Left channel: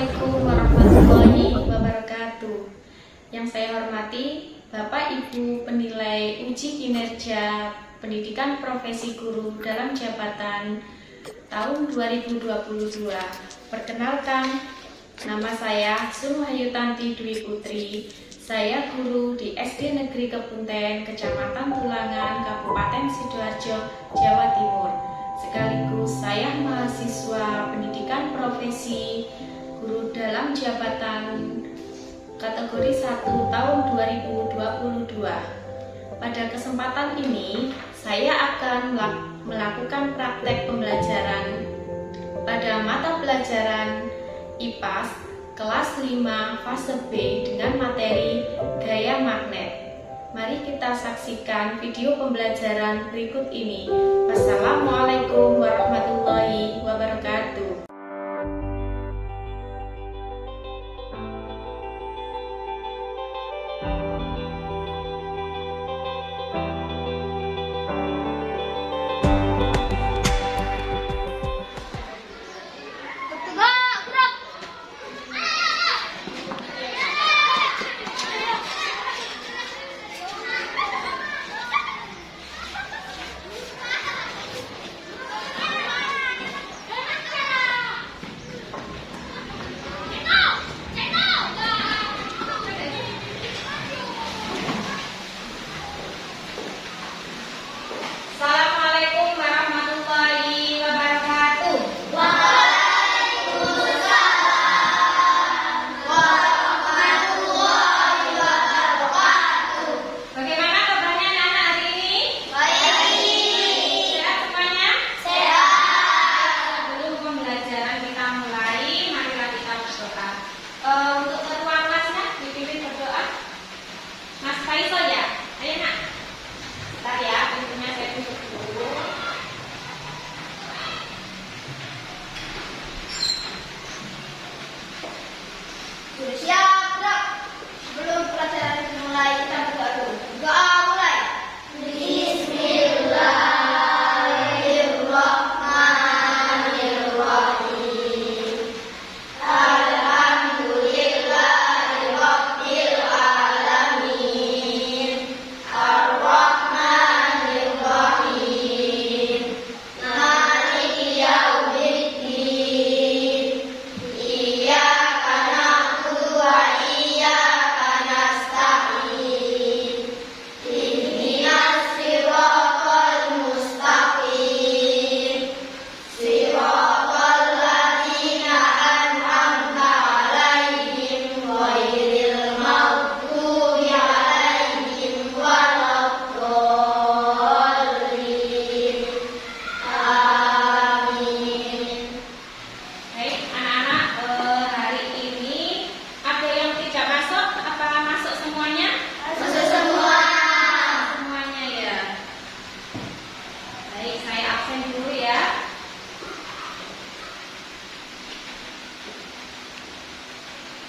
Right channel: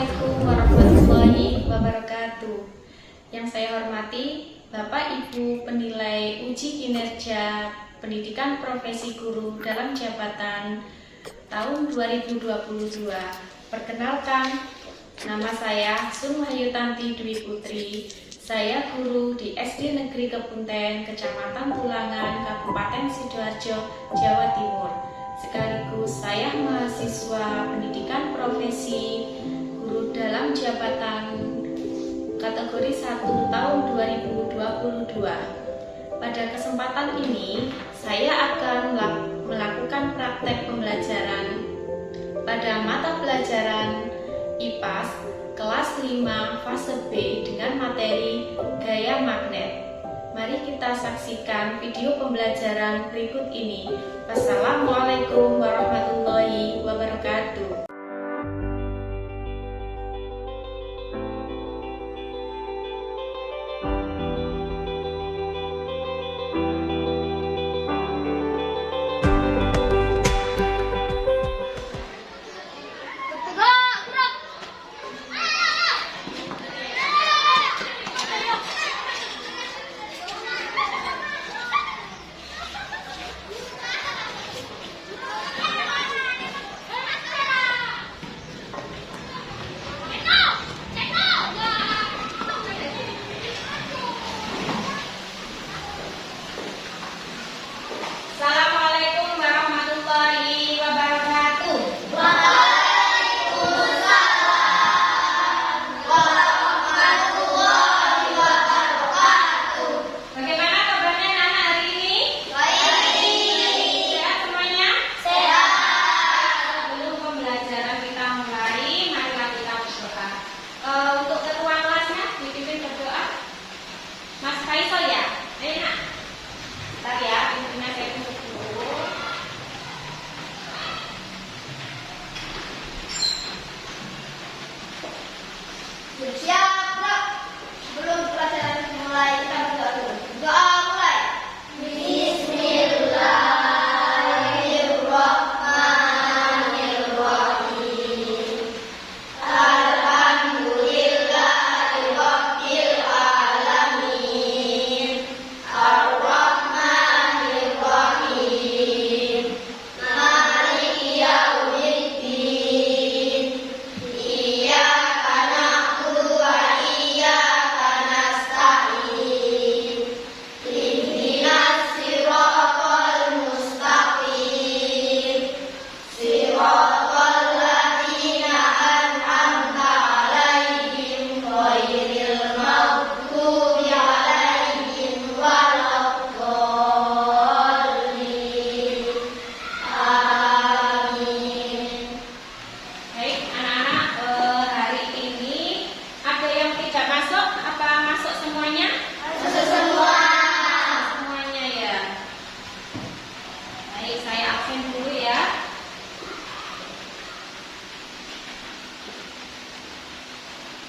Assalamualaikum warahmatullahi wabarakatuh. Yang saya hormati Bapak Ibu penilai uji kinerja pendidikan profesi guru dalam jabatan tahun 2022. Perkenalkan, nama saya Sunuhayutanti Dwi Putri. Saya guru di SD Negeri Kepunten, Kecamatan Tulangan, Kabupaten Sidoarjo, Jawa Timur. Sekaligus saya mahasiswa pendidikan profesi guru dalam jabatan kategori 1 tahun 2022. Pada kesempatan ini, saya akan melakukan praktek pembelajaran pada mata pelajaran IPAS kelas 5 fase B dengan materi gaya magnet. Mari kita saksikan video pembelajaran berikut ini. Wassalamualaikum warahmatullahi wabarakatuh. Assalamualaikum warahmatullahi wabarakatuh. Waalaikumsalam warahmatullahi wabarakatuh. Bagaimana kabarnya anak-anak hari ini? Baik. Sehat semuanya? Sehat. Sebelum pembelajaran kita mulai, marilah kita berdoa. Untuk ketua kelasnya dipimpin berdoa. Mas Kaiso ya? Ayo nak. Bentar ya, pintunya saya tutup dulu. Siap, gerak. Sebelum pelajaran dimulai, kita berdoa dulu. Doa mulai. Bismillahirrahmanirrahim. Alhamdulillahirabbil alamin. Ar-Rahmanir-Rahim. Maliki yaumiddin. Iyyaka na'budu wa iyyaka nasta'in. Ihdinas siratal mustaqim. Siratal ladzina an'amta 'alaihim ghairil maghdubi 'alaihim waladdallin. Amin. Baik, anak-anak, hari ini ada yang tidak masuk? Apa masuk semuanya? Masuk semua. Semuanya ya. Baik, saya absen dulu ya.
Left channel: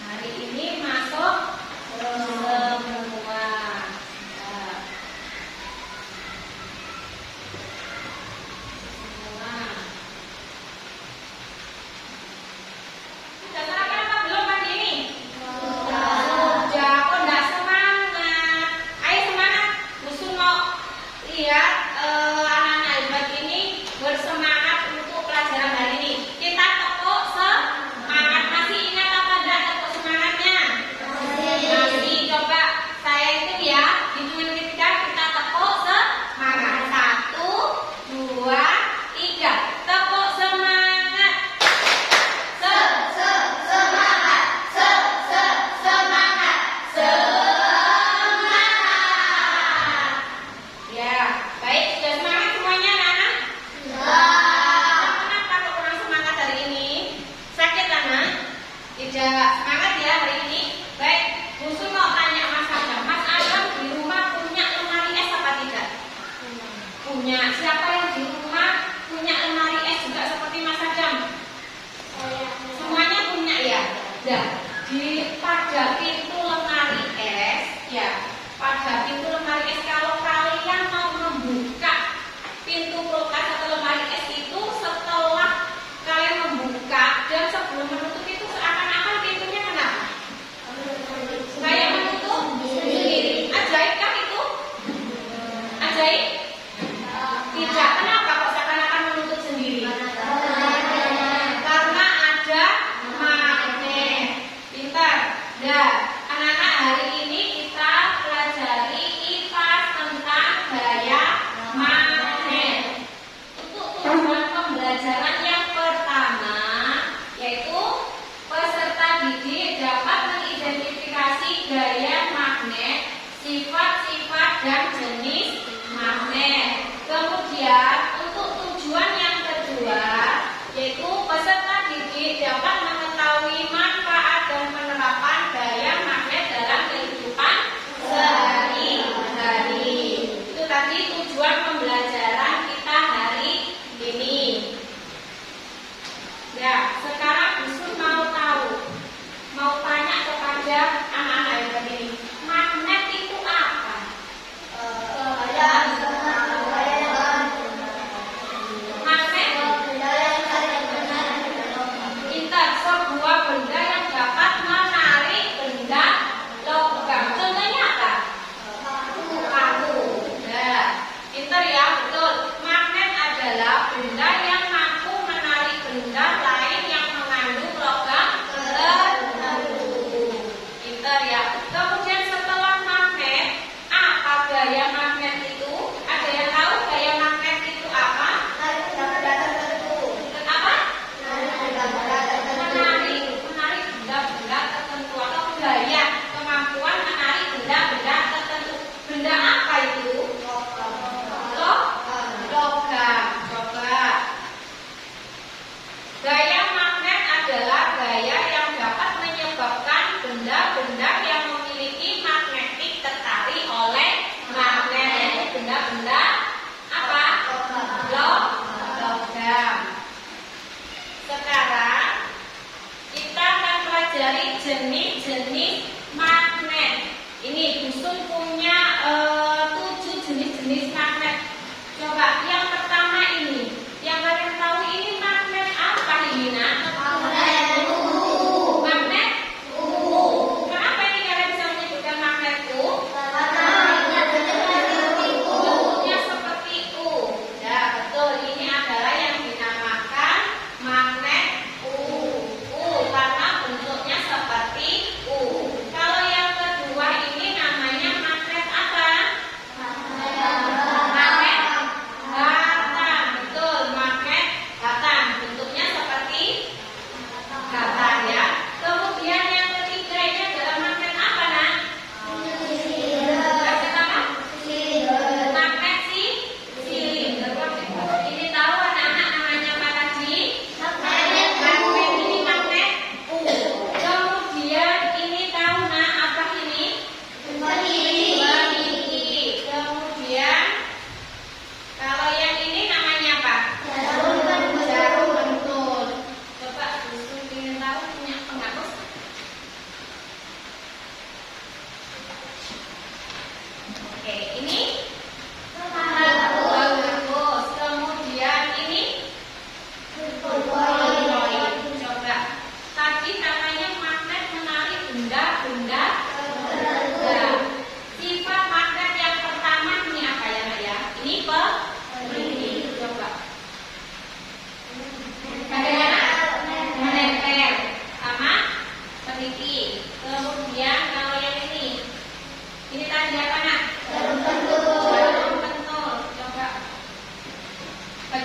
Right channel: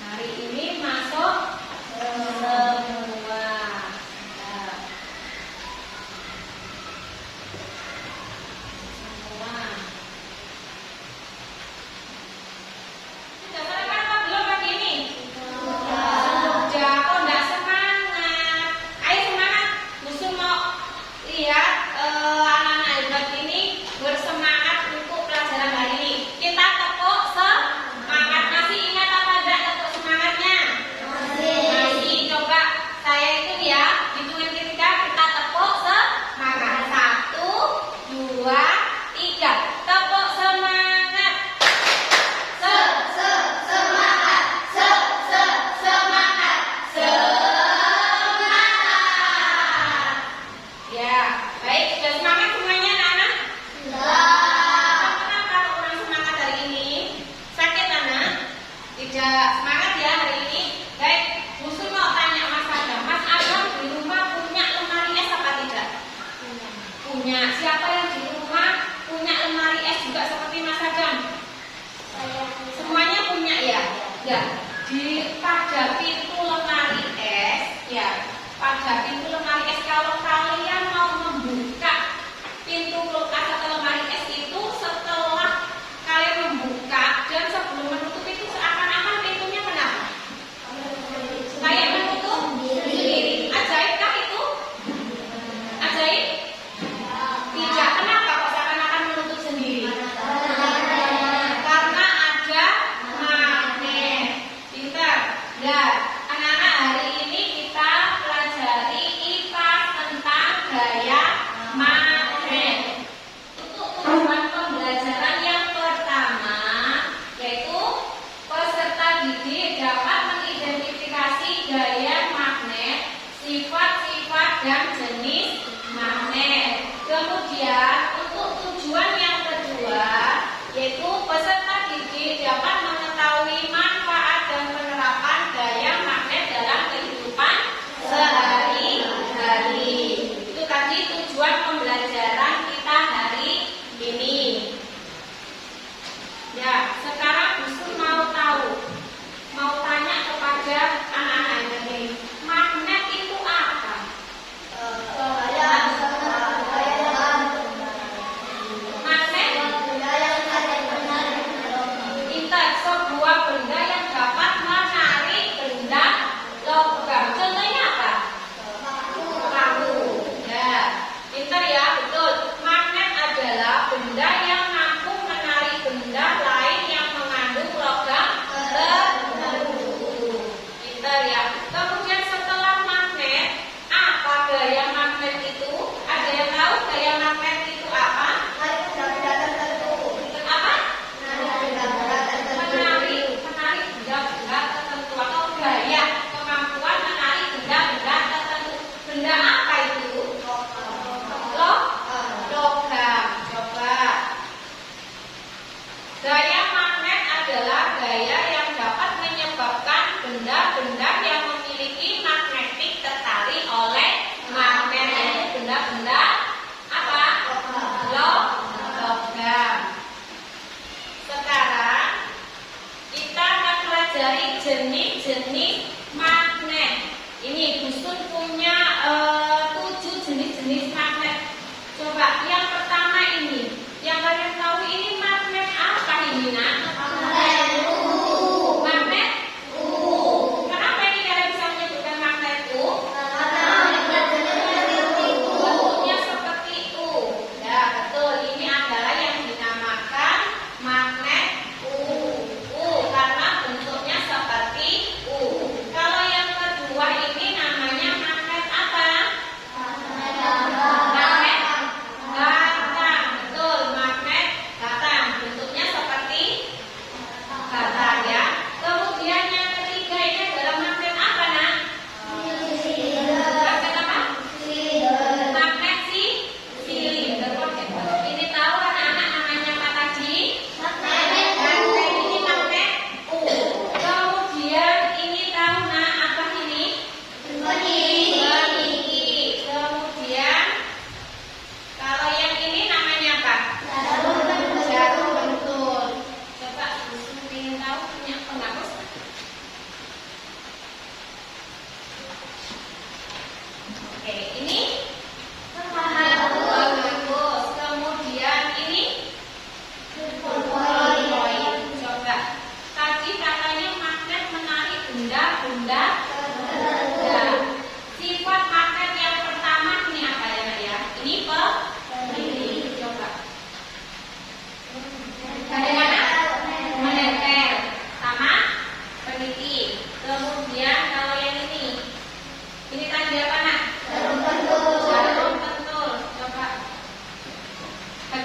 Hari ini masuk semua. Ya. Semua. Sudah sarapan apa belum pagi ini? Sudah, kok enggak semangat? Ayo semangat, Busu mau lihat anak-anak hebat ini bersemangat untuk pelajaran hari ini. Kita tepuk semangat. Masih ingat apa enggak tepuk semangatnya? Masih. Coba saya itu ya, hituin ketika kita tepuk semangat. 1, 2, 3. Tepuk semangat. Semangat. Semangat. Semangat. Ya, baik, sudah semangat semuanya anak-anak? Kenapa kok kurang semangat hari ini? Sakit anak? Tidak semangat ya hari ini? Baik, Busu mau tanya Mas Adam. Mas Adam di rumah punya lemari es apa tidak? Punya. Siapa yang di rumah punya lemari es juga seperti Mas Adam? Semuanya punya ya? Ya. Pada pintu lemari es, ya. Pada pintu lemari es, kalau kalian mau membuka pintu kulkas atau lemari es itu, setelah kalian membuka dan sebelum menutup itu seakan-akan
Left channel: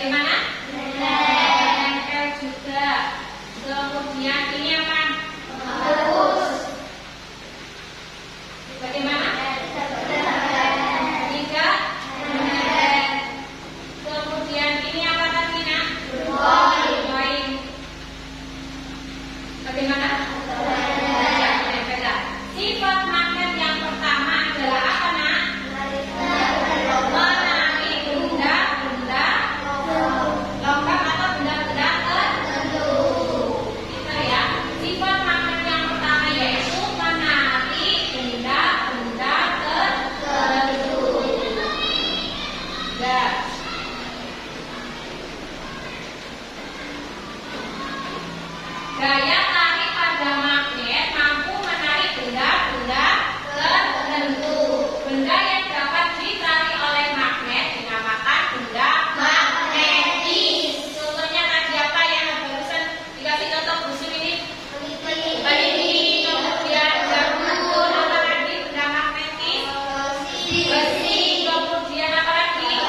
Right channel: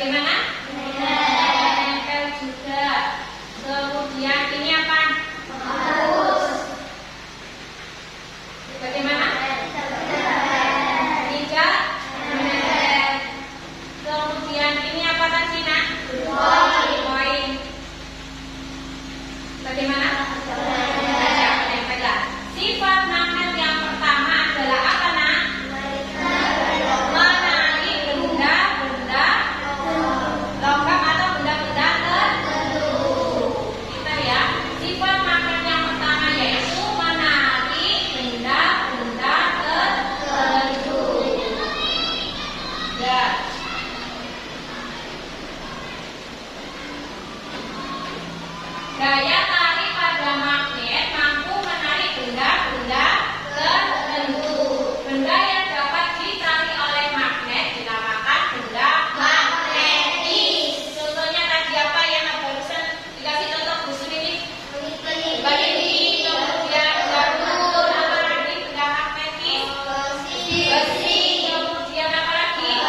Bagaimana? Nempel juga. Kemudian ini apa? Bagaimana? Tidak. Kemudian ini apa tadi, Nak? Poin. Bagaimana? Sifat magnet yang pertama adalah apa, Nak? Menarik benda-benda logam atau benda-benda tertentu. Kita ya. Sifat magnet yang pertama yaitu menarik benda-benda tertentu. Ya. Gaya tarik pada magnet mampu menarik benda-benda tertentu. Benda yang dapat ditarik oleh magnet dinamakan benda magnetis. Contohnya tadi apa yang barusan dikasih contoh busur ini? Besi, kemudian garpu, apa lagi benda magnetis? Besi, kemudian apa lagi?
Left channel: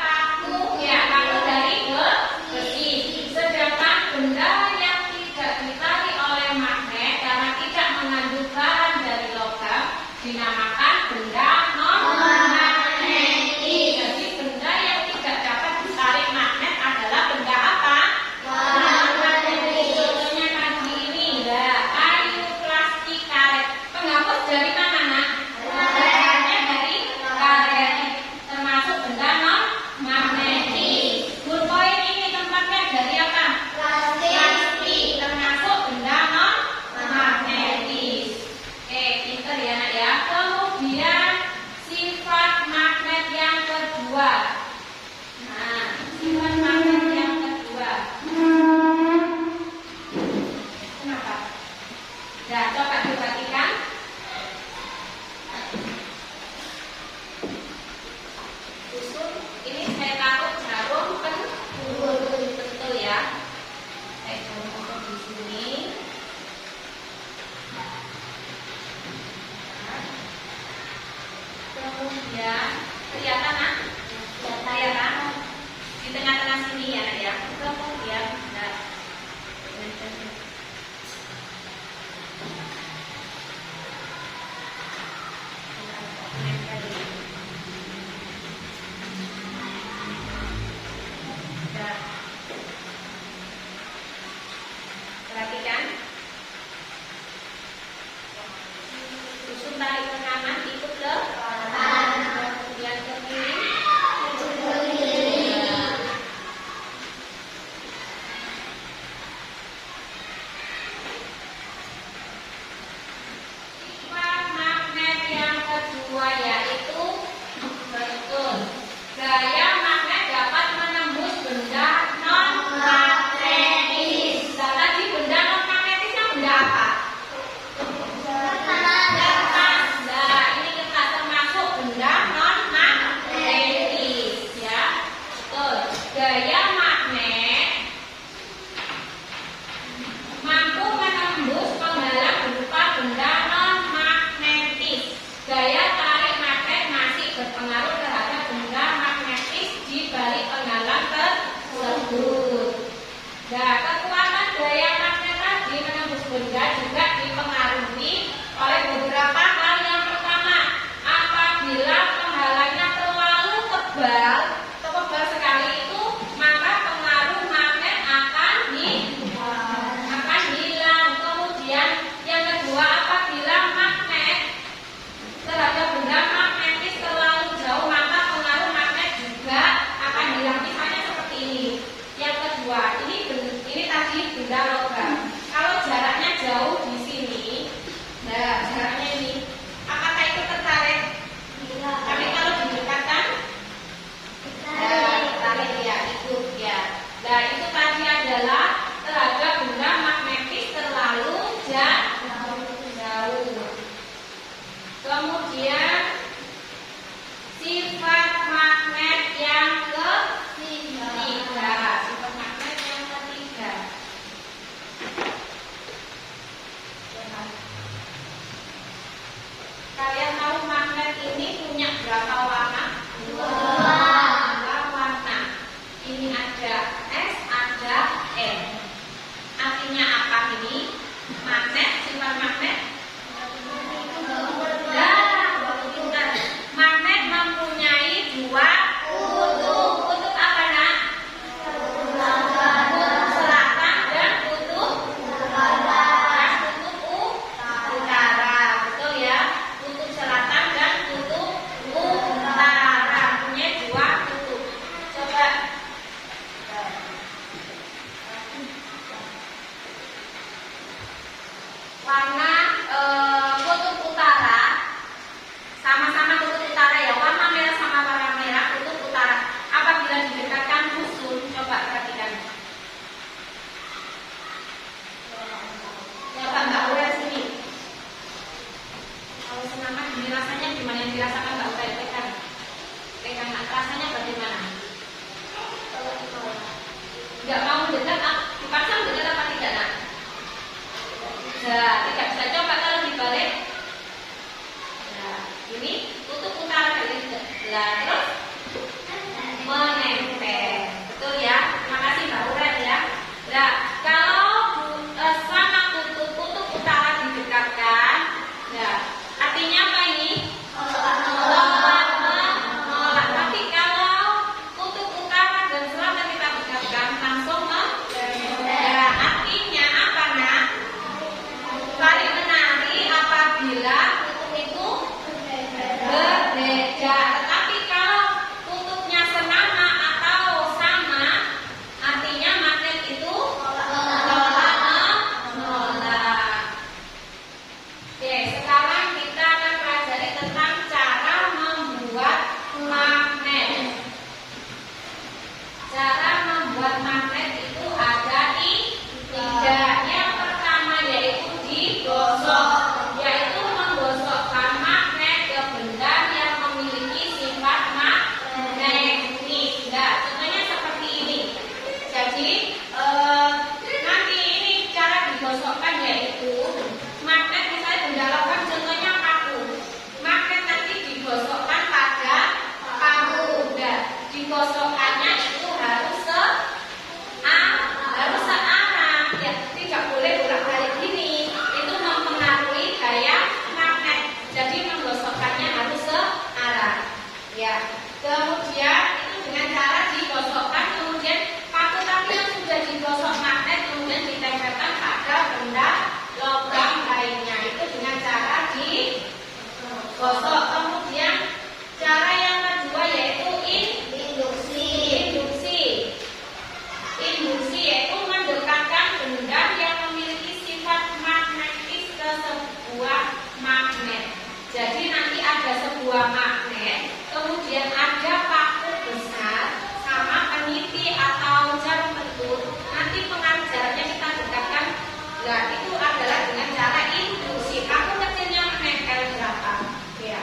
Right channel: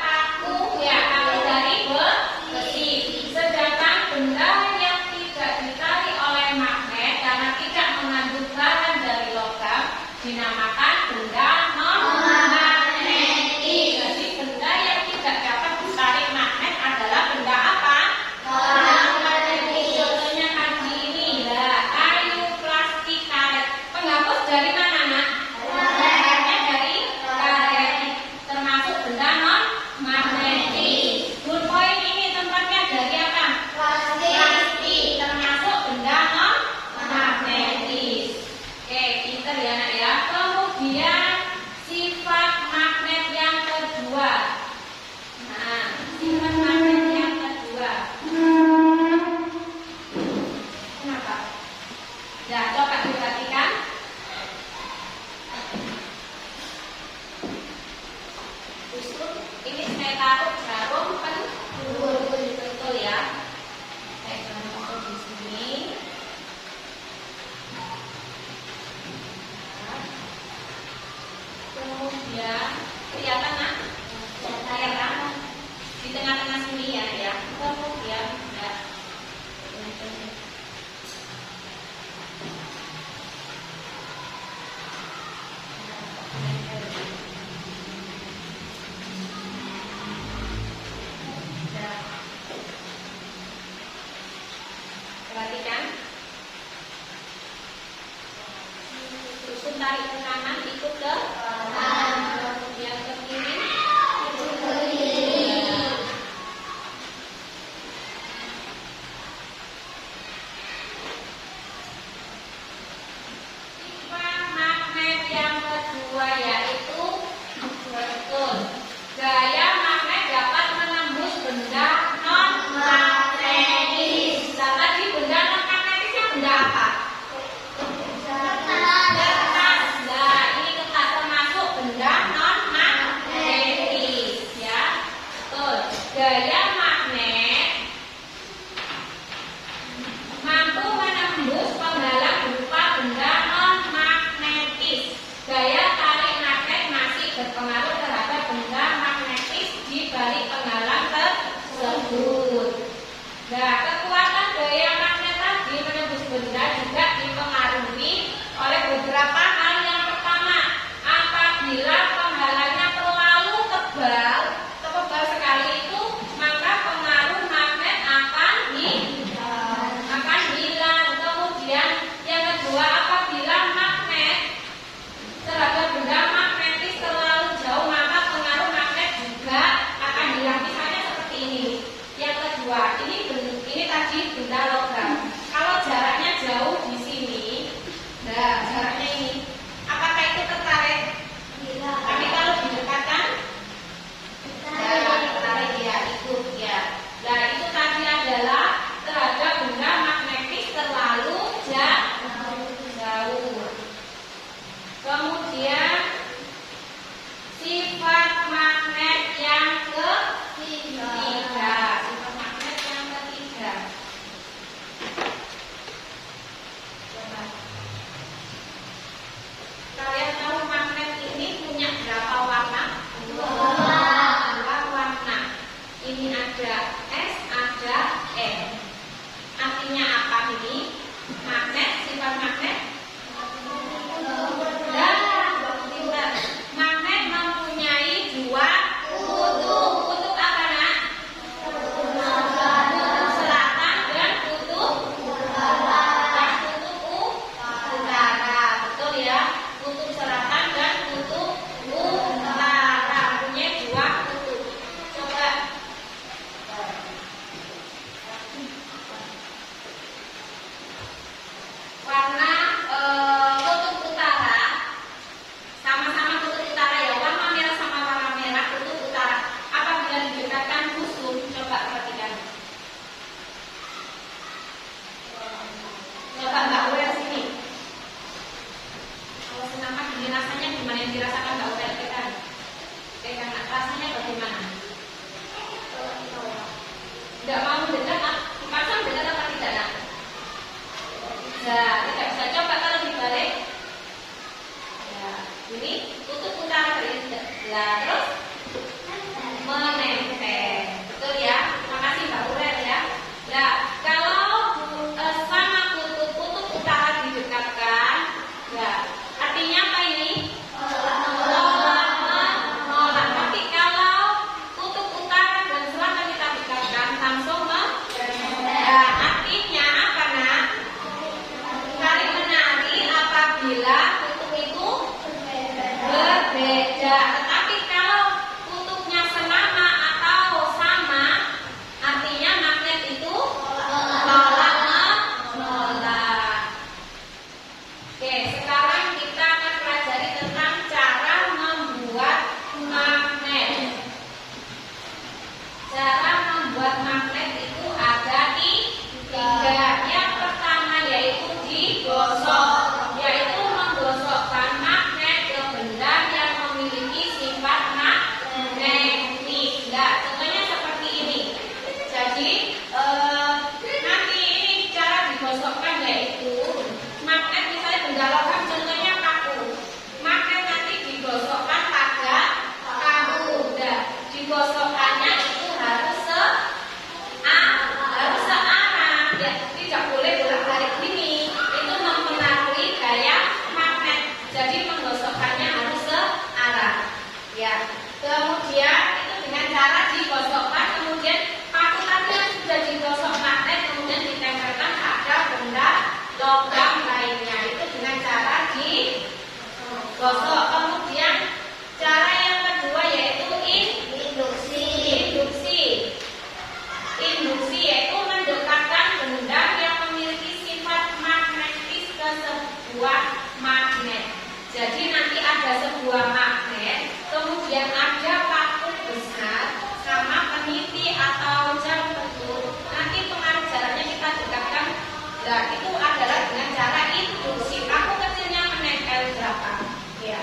Kaku, ya kaku dari besi. Sedangkan benda yang tidak ditarik oleh magnet karena tidak mengandung bahan dari logam dinamakan benda non-magnetis. Jadi benda yang tidak dapat ditarik magnet adalah benda apa? Non-magnetis. Contohnya tadi ini, kayu, plastik, karet. Penghapus dari mana, Nak? Dari karet. Termasuk benda non-magnetis. Poin ini tempatnya dari apa? Plastik, termasuk benda non-magnetis. Oke, pinter ya, Nak ya. Kemudian sifat magnet yang kedua. Nah, sifat magnet yang kedua. Kenapa? Nah, coba diperhatikan. Usul ini saya taruh jarum betul ya. Saya taruh di sini. Kemudian kelihatan, Nak? Kelihatan di tengah-tengah sini ya, Nak ya. Kemudian nah, nah, perhatikan. Terus tarik ke kanan, ikut ke kanan, kemudian ke kiri. Sifat magnet yang kedua yaitu betul. Gaya magnet dapat menembus benda non-magnetis. Nah, tadi benda non-magnetisnya benda apa? Kertas. Nah, ini kertas termasuk benda non-magnetis ya. Betul. Gaya magnet mampu menembus penghalang berupa benda non-magnetis. Gaya tarik magnet masih berpengaruh terhadap benda magnetis di balik penghalang tersebut. Nah, kekuatan gaya magnet tadi menembus benda juga dipengaruhi oleh beberapa hal. Yang pertama, apabila penghalangnya terlalu tebal sekali itu, maka pengaruh magnet akan hilang. Kemudian yang kedua, apabila magnet terhadap benda magnetis terlalu jauh, maka pengaruh magnet juga akan hilang. Misalnya seperti ini. Yang kedua, ini tadi benda logam. Kalau jaraknya jauh di sini digosokkannya itu harus searah, ya, tidak boleh bolak-balik ini. Itu mempengaruhi gaya magnet. Jadi menggosokkannya harus searah. Ya, kemudian itu dengan cara digosokkan, kemudian paku tadi yang sudah digosok magnet kemudian ditempelkan pada benda logam lainnya. Itu dengan cara digosok. Kemudian cara yang kedua yaitu induksi. Induksi yaitu mendekatkan benda yang memiliki sifat magnetis ke sebuah magnet. Jadi nanti ada sebuah magnet, kemudian ada paku besar sama peniti atau jarum pentul. Nanti pengaruh jaraknya kita dekatkan. Nah, itu adalah dengan cara induksi. Paku kecilnya menempel berapa? Ya.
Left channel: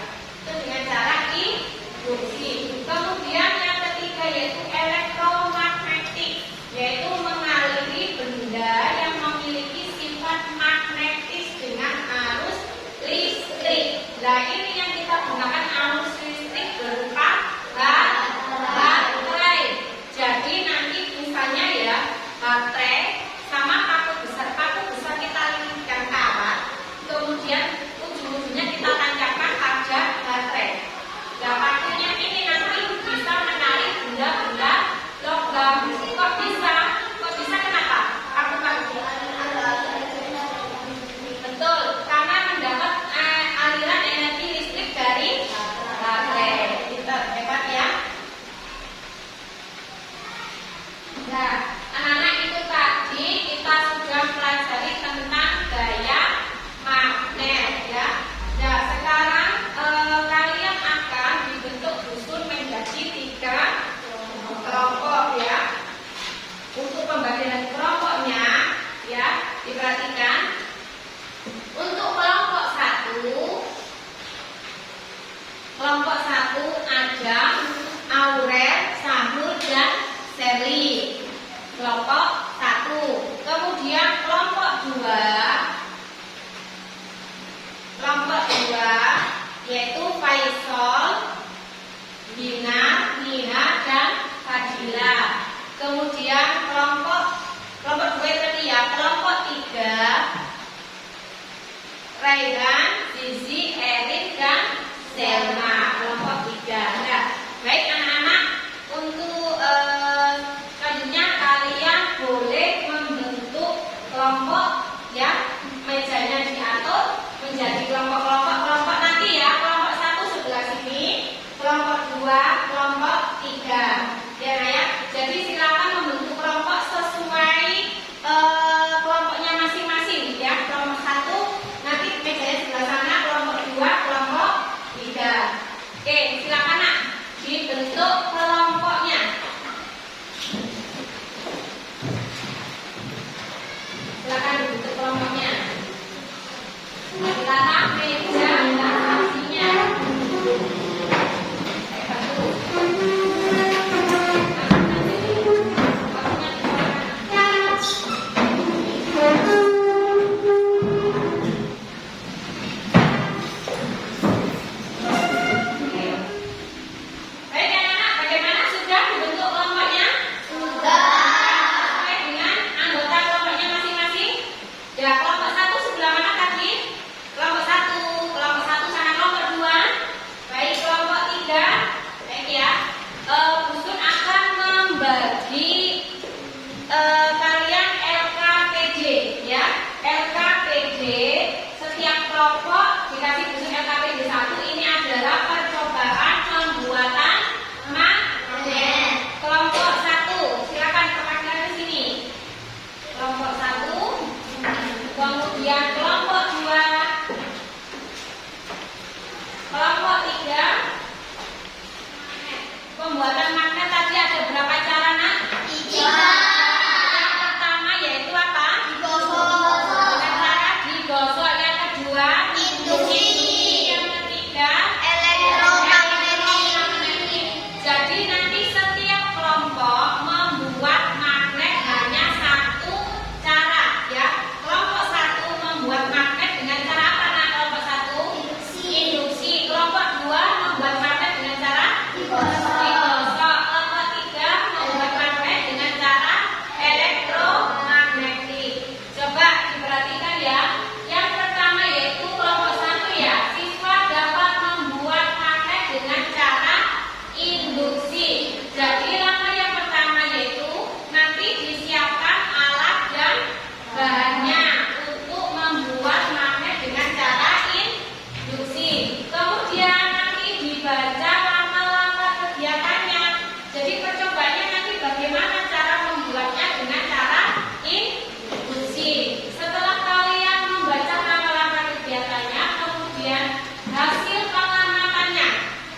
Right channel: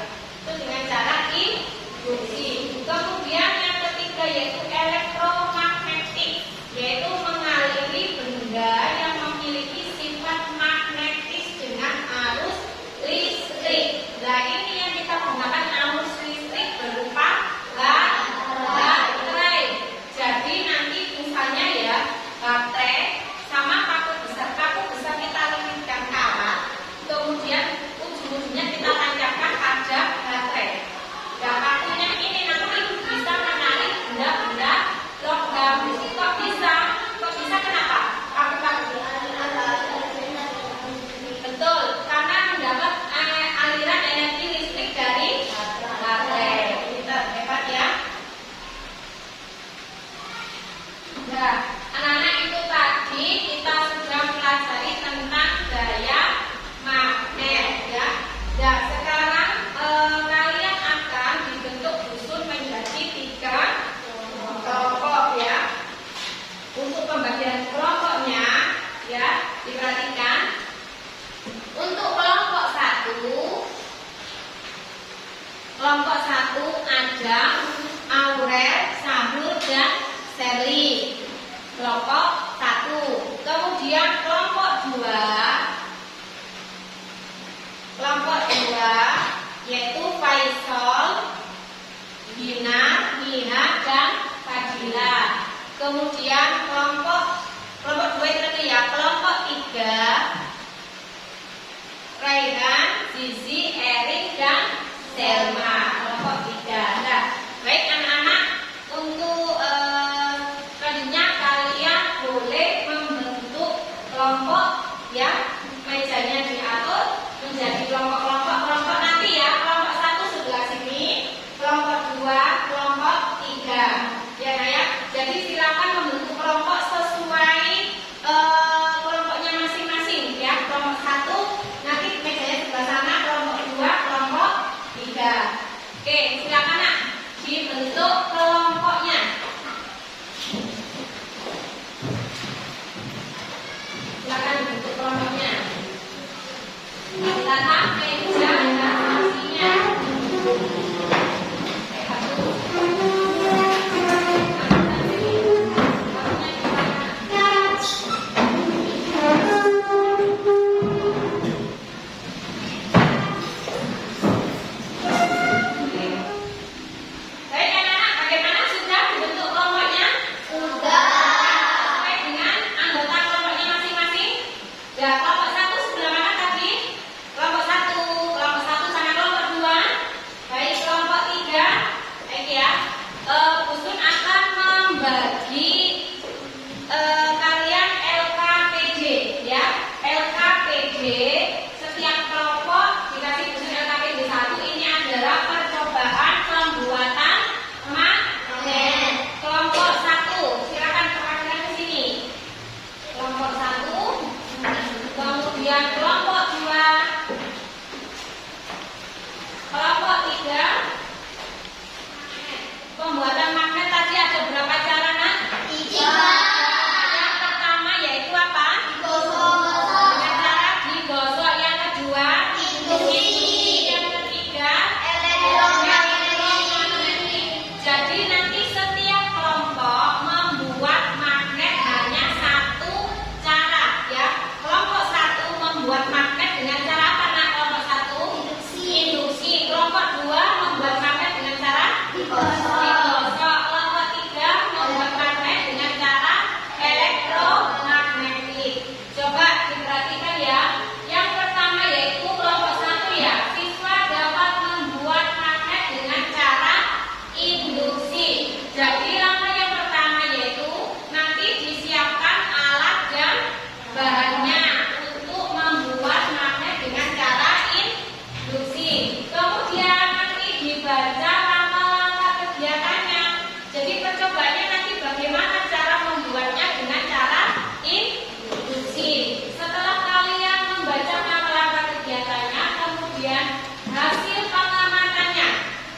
bagaimana cara membuatnya dengan cara induksi. Setelah kalian membaca pengamatan kegiatannya, kemudian hasil pengamatannya.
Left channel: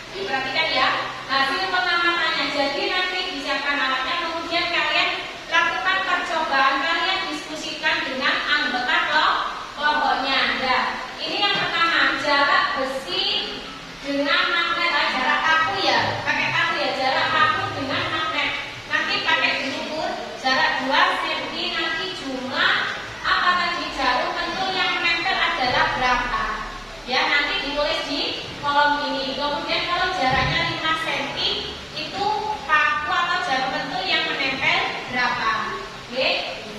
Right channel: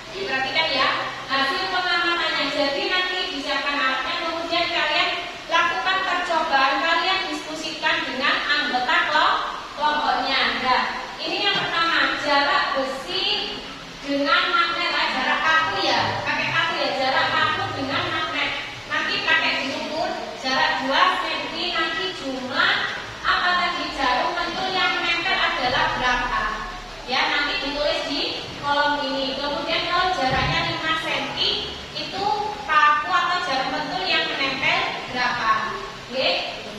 Diperhatikan ya, hasil pengamatannya. Jadi nanti disiapkan alatnya, kemudian kalian lakukan percobaan, kalian diskusikan dengan anggota kelompoknya. Nah, ini yang pertama, jarak besi dengan magnet, jarak kaku ya, pakai kaku ya, jarak kaku dengan magnet. Nanti pakai diukur jarak 2 cm, nanti jumlah apa tadi jarum pentul yang menempel adalah berapa? Ya, nanti ditulis di kolom ini. Kemudian kalau jaraknya 5 cm, itu kaku atau jarum pentul yang menempel berapa? Oke,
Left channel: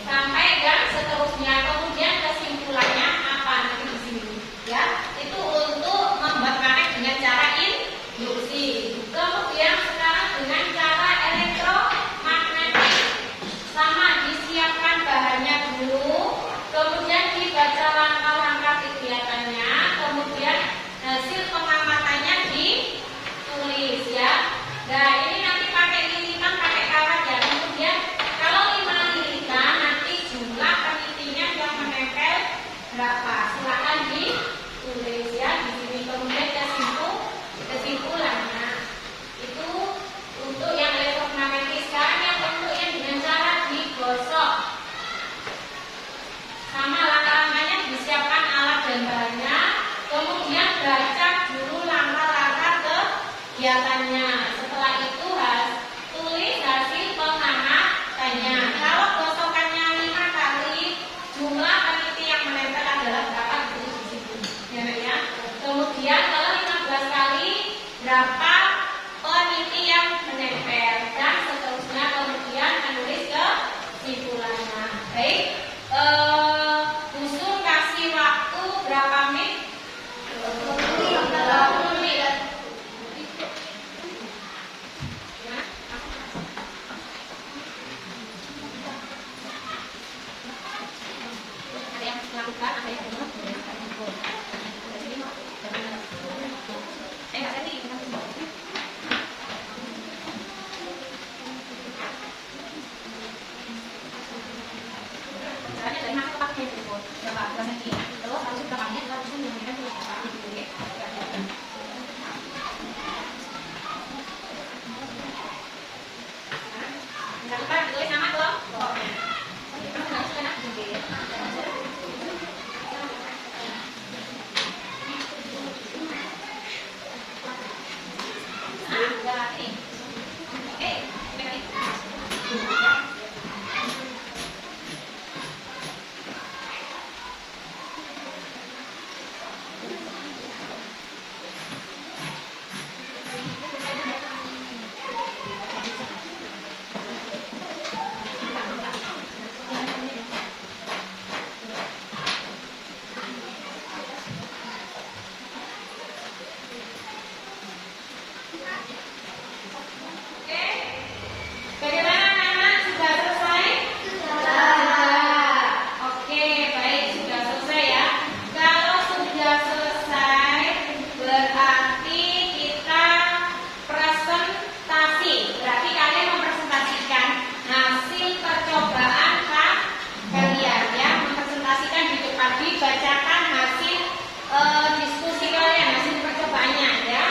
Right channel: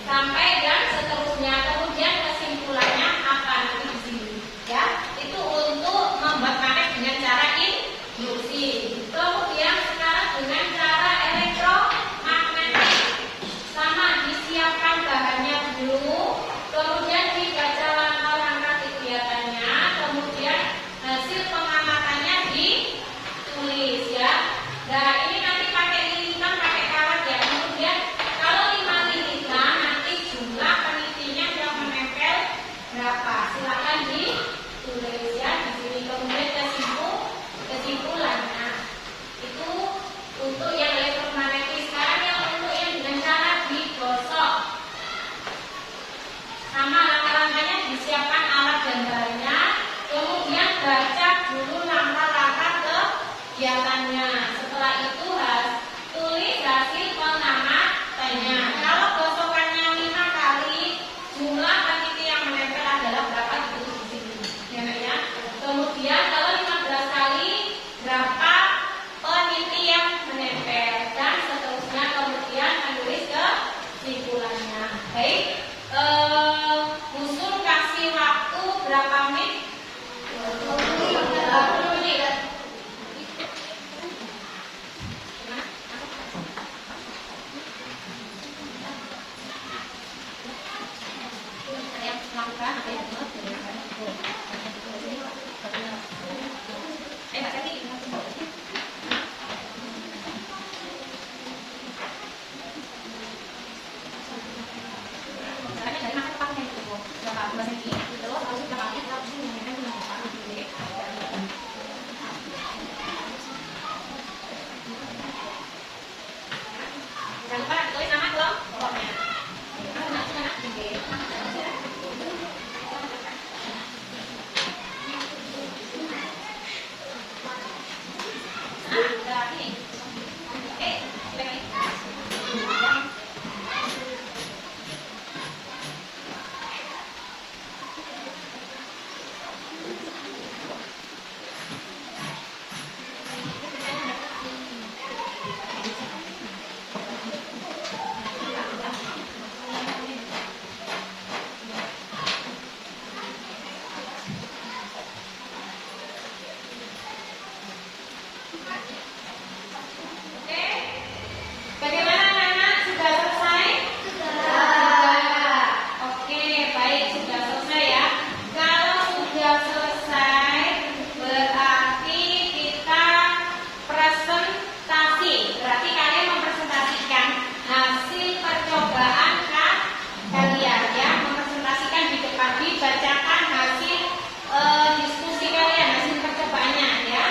sampai dan seterusnya. Kemudian kesimpulannya apa nanti di sini? Ya, itu untuk membuat karet dengan cara induksi. Kemudian sekarang dengan cara elektromagnetik, sama disiapkan bahannya dulu, kemudian dibaca langkah-langkah kegiatannya, kemudian hasil pengamatannya ditulis ya. Nah, ini nanti pakai lilitan, pakai kawat ya. Kemudian kalau 5 lilitan, nanti jumlah penitinya yang menempel berapa? Silakan ditulis ya di sini. Kemudian kesimpulannya itu untuk yang elektromagnetik. Sekarang yang untuk yang dengan cara digosok, sama langkah-langkahnya, disiapkan alat dan bahannya, kemudian baca dulu langkah-langkah kegiatannya. Setelah itu tulis hasil pengamatannya. Kalau gosokannya 5 kali, jumlah peniti yang menempel adalah berapa? Ditulis di sini ya. Kemudian kalau 15 kali, berapa peniti yang menempel, dan seterusnya. Kemudian menulis kesimpulannya. Baik, usul kasih waktu berapa menit? 20 menit. Yang melakukan apa yang bacakan hasil diskusi kalian, hasil percobaannya ya.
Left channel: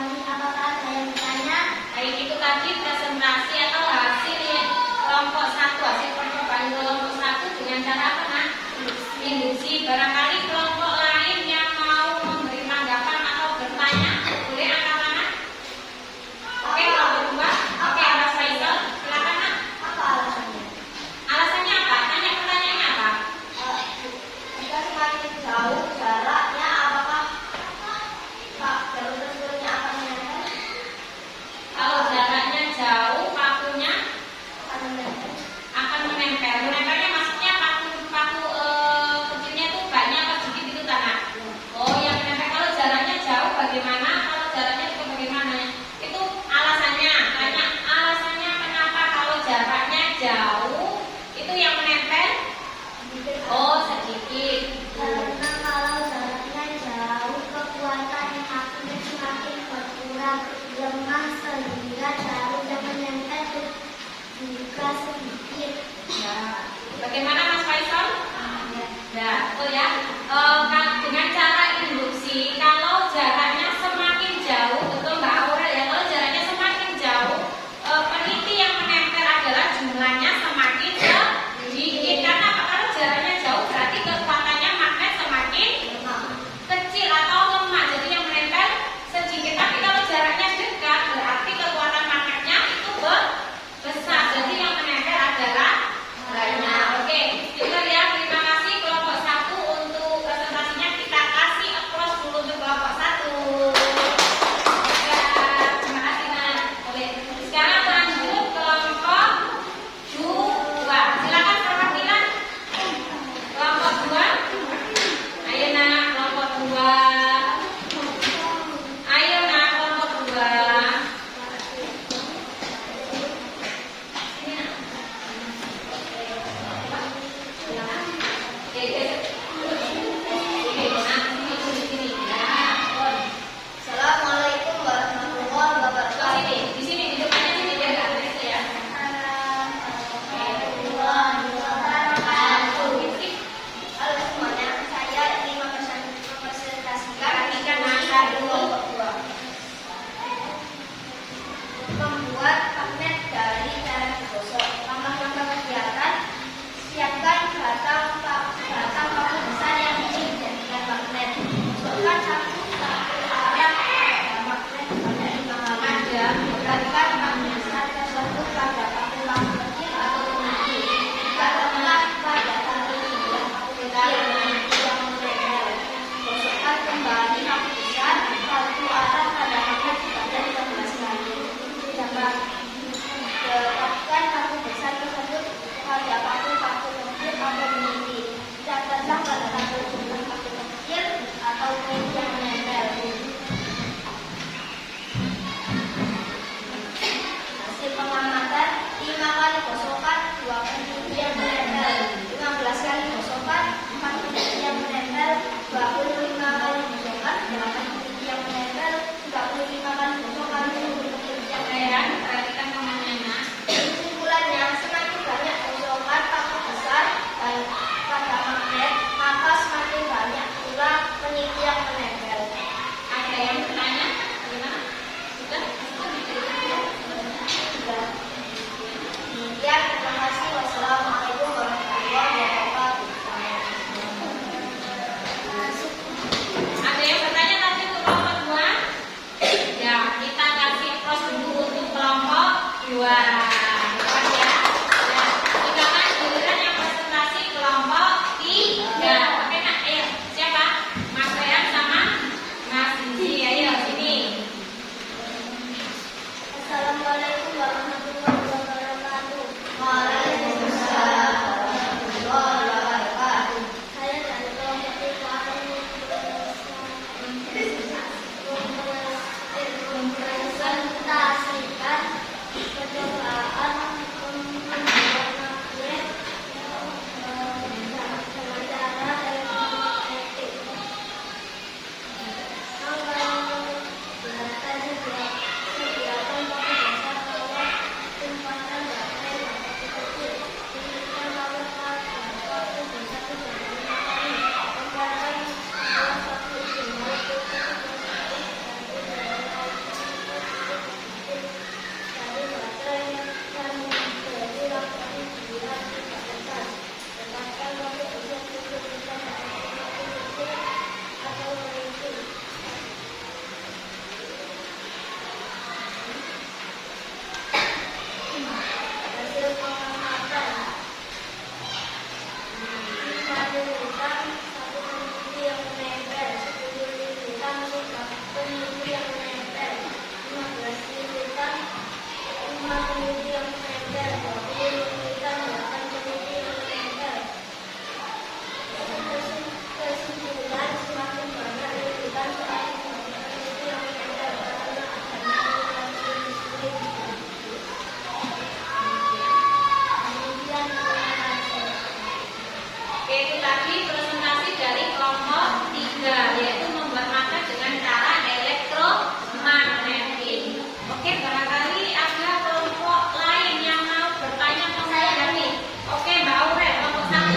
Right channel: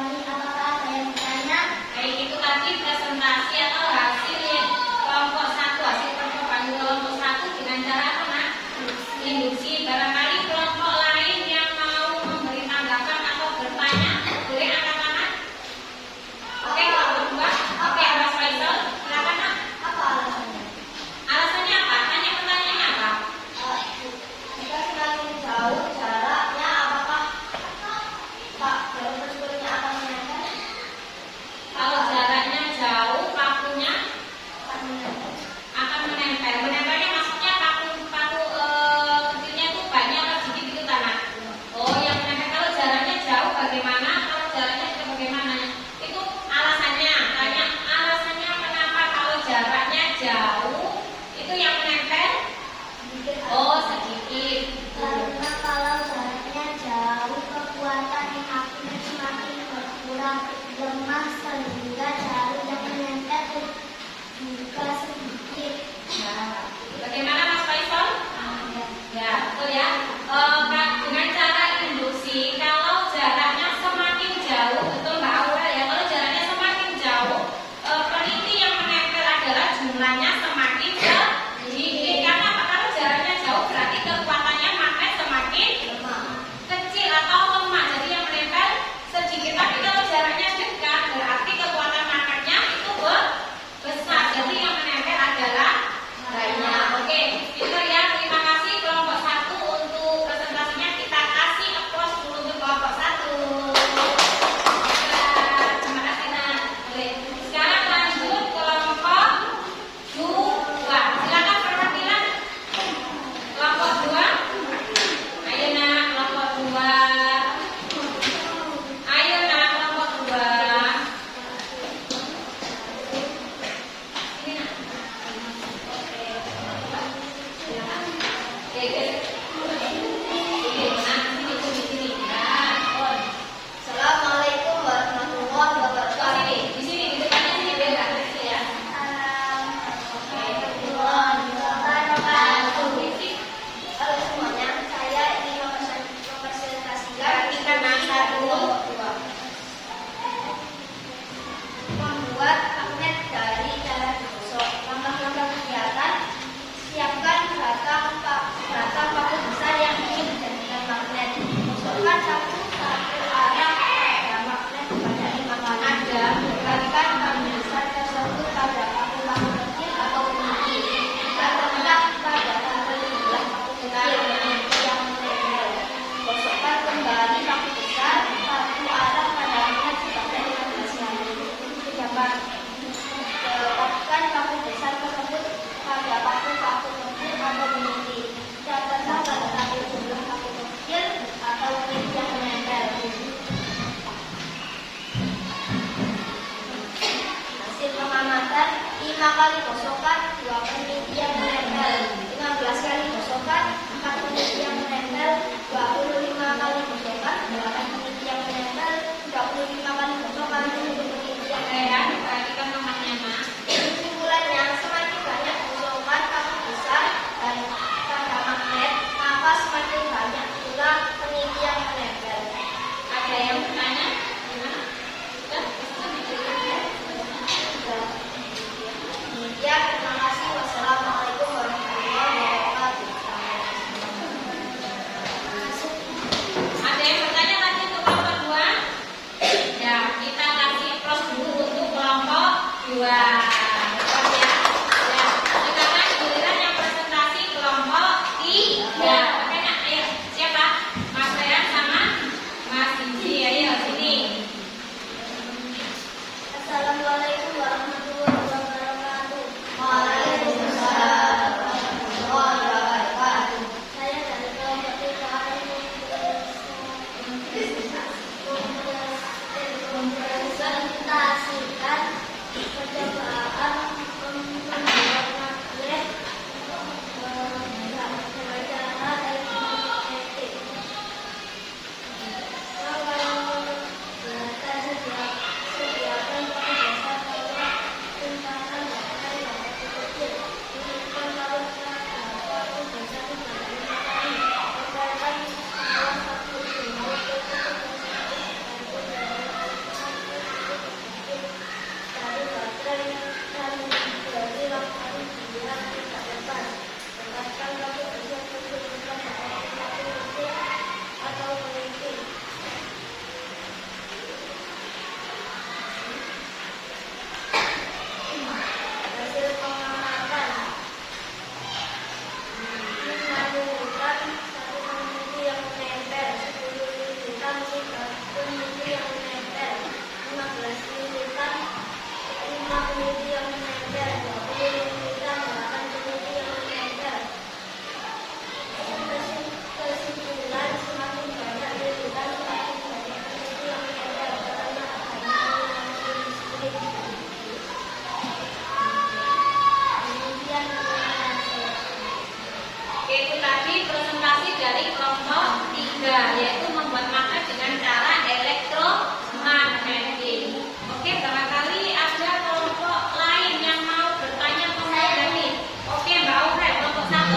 kami. Apakah ada yang bertanya? Baik, itu tadi presentasi atau hasil kelompok satu, hasil percobaan kelompok satu dengan cara apa, Nak? Induksi. Barangkali kelompok lain yang mau memberi tanggapan atau bertanya, boleh anak-anak? Oke, kalau berdua, oke, Mas Faisal, silakan, Nak. Apa alasannya? Alasannya apa? Tanya pertanyaannya apa? Jika semakin jauh jaraknya, apakah Pak jalur tersebutnya akan menempel? Kalau jaraknya jauh, pakunya Akan menempel. akan menempel. Menempelnya maksudnya paku kecilnya itu banyak atau sedikit itu tanah. Oh, yang menempel. Kalau jaraknya jauh bagaimana? Kalau jaraknya itu bagaimana? Itu alasannya. Banyak alasannya kenapa kalau jaraknya jauh itu yang menempel. Oh, sedikit. Karena kalau jaraknya jauh, kekuatan yang apinya semakin berkurang, lemah sehingga jalur yang menempel juga sedikit. Nah, bagaimana Mas Faisal? Ya, betul ya. Dengan cara induksi, kalau jaraknya semakin jauh, betul Mbak Aurel ya. Kalau jaraknya semakin jauh, peniti yang menempel adalah jumlahnya semakin sedikit. Karena apa? Kalau jaraknya jauh berarti kekuatannya magnet semakin kecil atau lemah. Jadi yang menempel sedikit. Tapi kalau jaraknya dekat, berarti kekuatan magnetnya itu besar. Jadi yang menempel adalah banyak. Oke, itu ya. Terima kasih kelompok satu untuk presentasinya. Kita kasih applause dulu untuk kelompok satu. Ya, terima kasih Nak. Oke, sekarang lanjut kelompok dua. Silakan perwakilan kelompok dua. Ayo Nak, kelompok dua. Ayo Nak, kelompok dua. Ini Nak. Assalamualaikum warahmatullahi wabarakatuh. Di sini, di depannya sini biar nggak terasa ya. Halo semuanya, saya ingin mempresentasikan Ketika masa kelompok dua. membuat magnet dari jalan digosok. Contoh-contoh kegiatan: siapkan batang paku besar yang ingin dijadikan magnet. Gosokkan satu arah pada magnet sebanyak 5 kali. Tekankan paku besar tersebut pada paku kecil atau kunci. Tekankan pada tali sebelah paku kecil yang menempel. Gosokkan kembali paku besar satu arah pada magnet sebanyak 15 kali. Dapat letakkan paku besar tersebut pada paku kecil atau kunci. Tekankan pada tali sebelah paku kecil atau kunci yang menempel. Hasil pengamatan: 5 kali gosokan, 2 peniti yang menempel. 15 kali gosokan, 4 peniti yang menempel. 25 kali gosokan, 8 peniti yang menempel. 35 kali gosokan, 7 peniti yang menempel. Perhatikan nomornya Nak. Kesimpulannya, semakin banyak gosokan paku besar pada magnet, maka semakin banyak pula peniti yang menempel. Ada yang bertanya? Gimana? Sudah? Ya, terima kasih. Wassalamualaikum warahmatullahi wabarakatuh. Ada yang bertanya tadi untuk kelompok dua? Ya,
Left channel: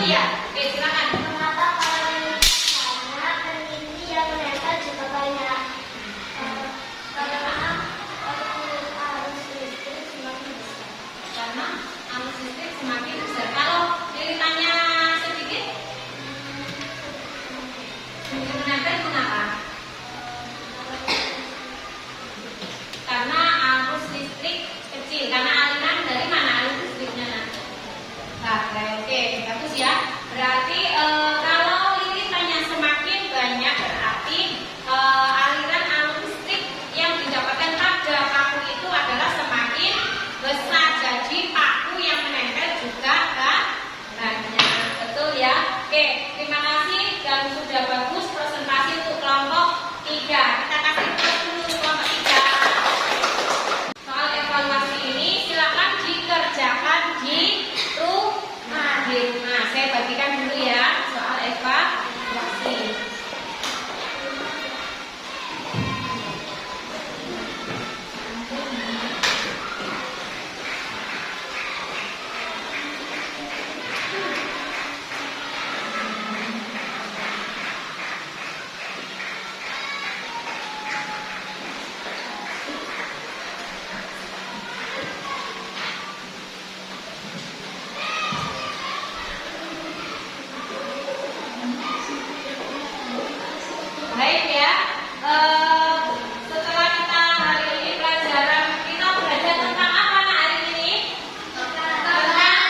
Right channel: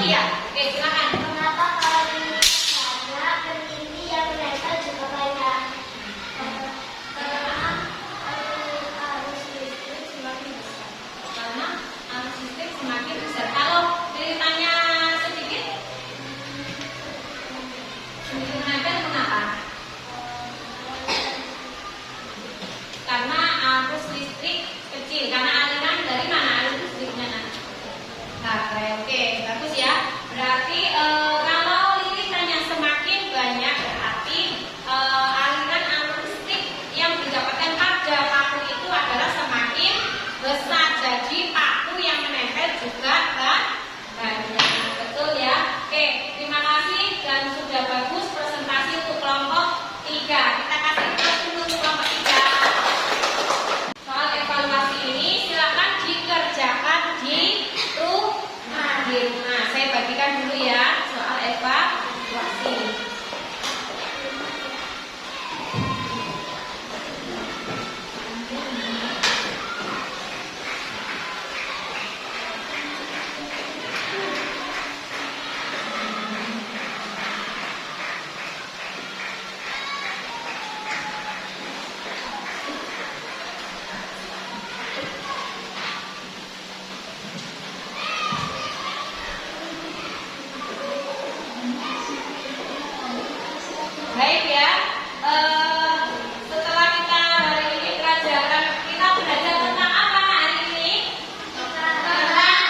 iya. Oke, silakan. Mengapa kalau karena peneliti yang menempel juga banyak? Karena arus listrik semakin besar. Karena arus listrik semakin besar. Kalau ceritanya sedikit, menempel kenapa? Karena arus listrik kecil. Karena aliran dari mana arus listriknya nanti? Baterai. Oke, bagus ya. Berarti kalau lirisannya semakin banyak, berarti aliran arus listrik yang didapatkan pada paku itu adalah semakin besar. Jadi paku yang menempel juga banyak. Betul ya? Oke, terima kasih dan sudah bagus presentasi untuk kelompok 3. Kita kasih terus dulu kelompok 3. Soal evaluasi ini silakan dikerjakan di rumah. Nah, saya bagikan dulu ya soal evaluasi. Baik ya, setelah kita hari ini pelajaran, kita belajar tentang apa hari ini? Tentang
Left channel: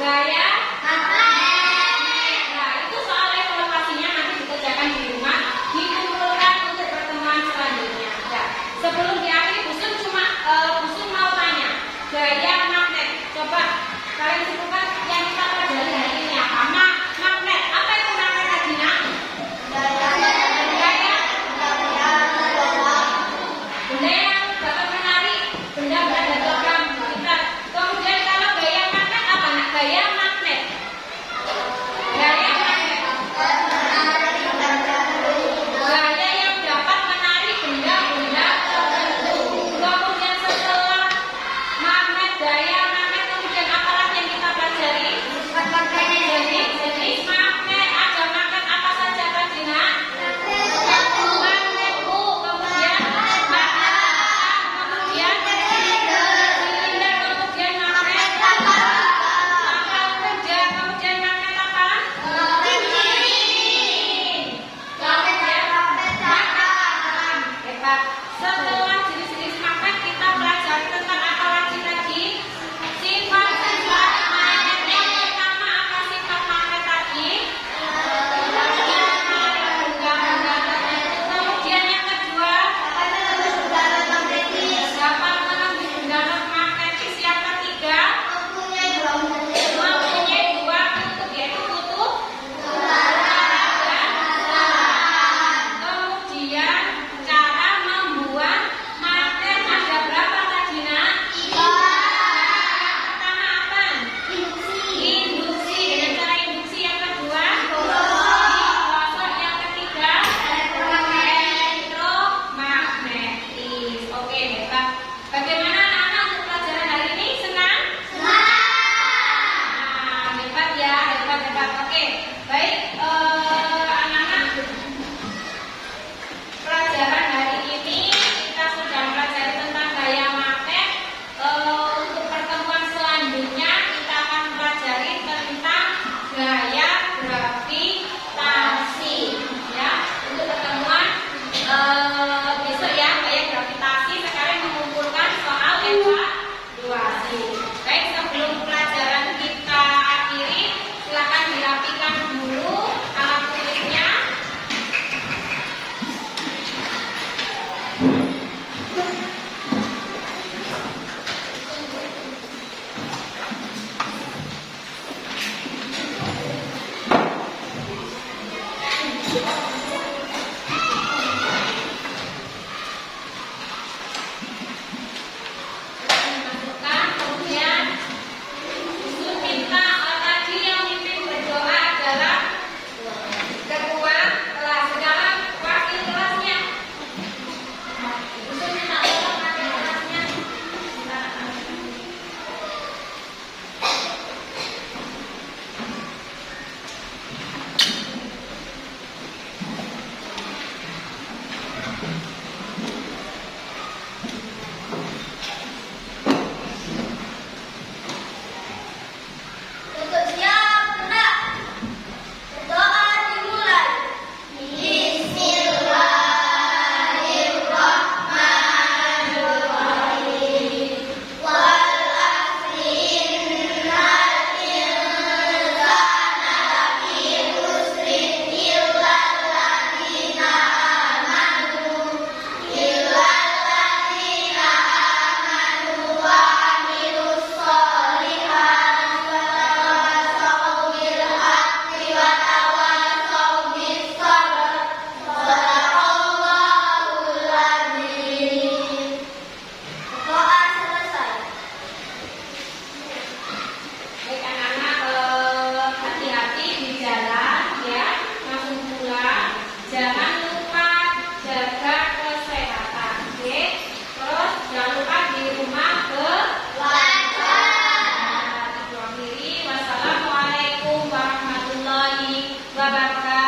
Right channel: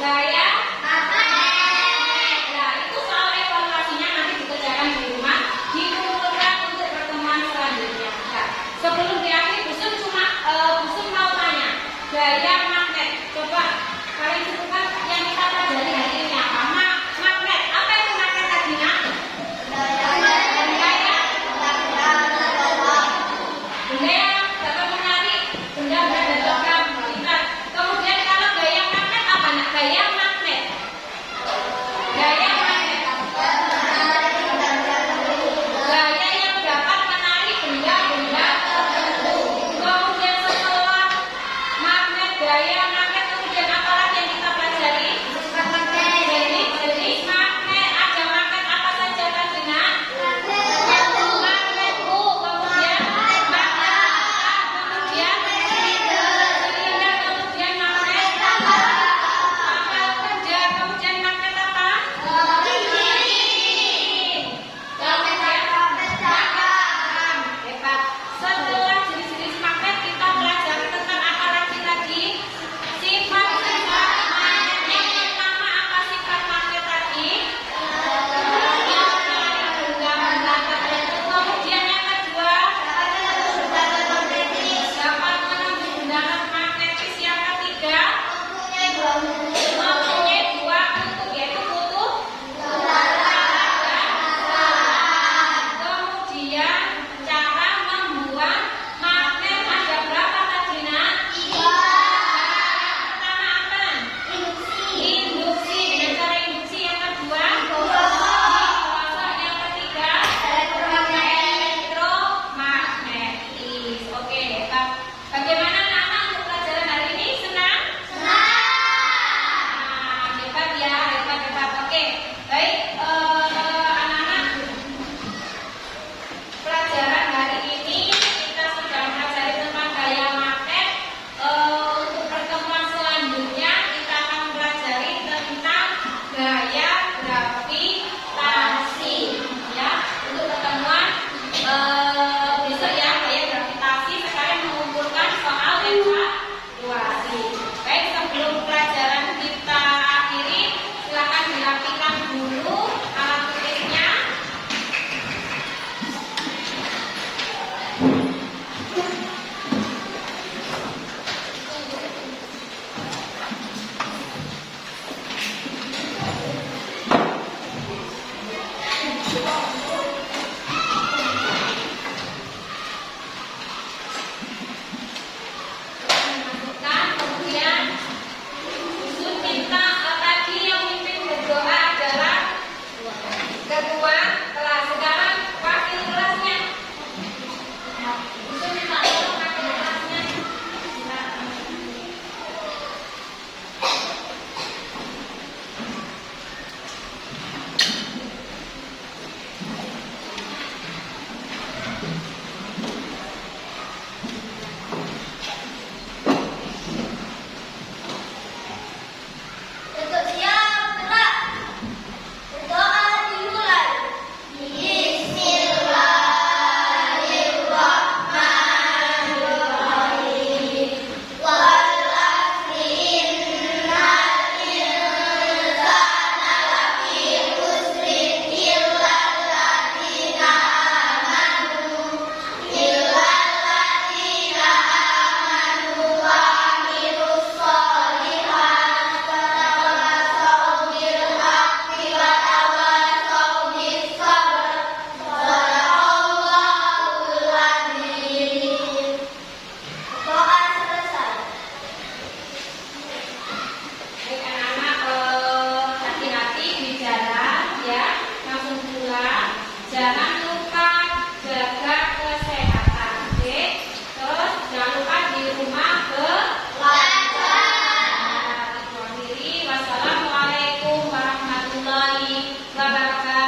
gaya magnet. Nah, itu soal evaluasinya nanti dikerjakan di rumah, dikumpulkan untuk pertemuan selanjutnya. Nah, sebelum diakhiri, Busun mau tanya, gaya magnet. Coba kalian sebutkan yang kita pelajari hari ini apa? Magnet. Apa itu magnet tadi, Nak? Benda yang dapat menarik benda-benda dan logam kita. Kemudian kalau gaya magnet apa? Nak? Gaya magnet. Gaya magnet. Gaya yang dapat menarik benda-benda tertentu. Kemudian setelah magnet, gaya magnet, kemudian apa lagi yang kita pelajari? Jadi magnet, ada magnet apa saja tadi, Nak? Magnet U, kemudian magnet A, kemudian silinder, kemudian magnet kapal kerja, kemudian magnet apa? Kemudian magnet saham. Hebat. Setelah jenis-jenis magnet kita pelajari tentang apa lagi tadi? Sifat-sifat magnet. Yang pertama apa sifat magnet tadi? Kemudian yang kedua, dapat menembus undangan magnetis. Yang ketiga, mempunyai 2 kutub, yaitu kutub kemudian cara membuat magnet ada berapa tadi, Nak? Pertama apa? Induksi. Dengan cara induksi. Yang kedua, digosok. Yang ketiga, elektromagnetis. Oke, hebat. Bagaimana anak-anak untuk pelajaran hari ini? Senang? Nah, hebat ya, hebat. Oke, baik. Anak-anak, pelajaran hari ini kita sudah mempelajari tentang gaya magnet. Untuk pertemuan selanjutnya kita akan mempelajari tentang gaya gravitasi. Ya, untuk pertemuan besok ya, gaya gravitasi. Sekarang mengumpulkan soal evaluasi. Baik, sebelum pelajaran kita akhiri, silakan dirapikan dulu alat tulis wabarakatuh.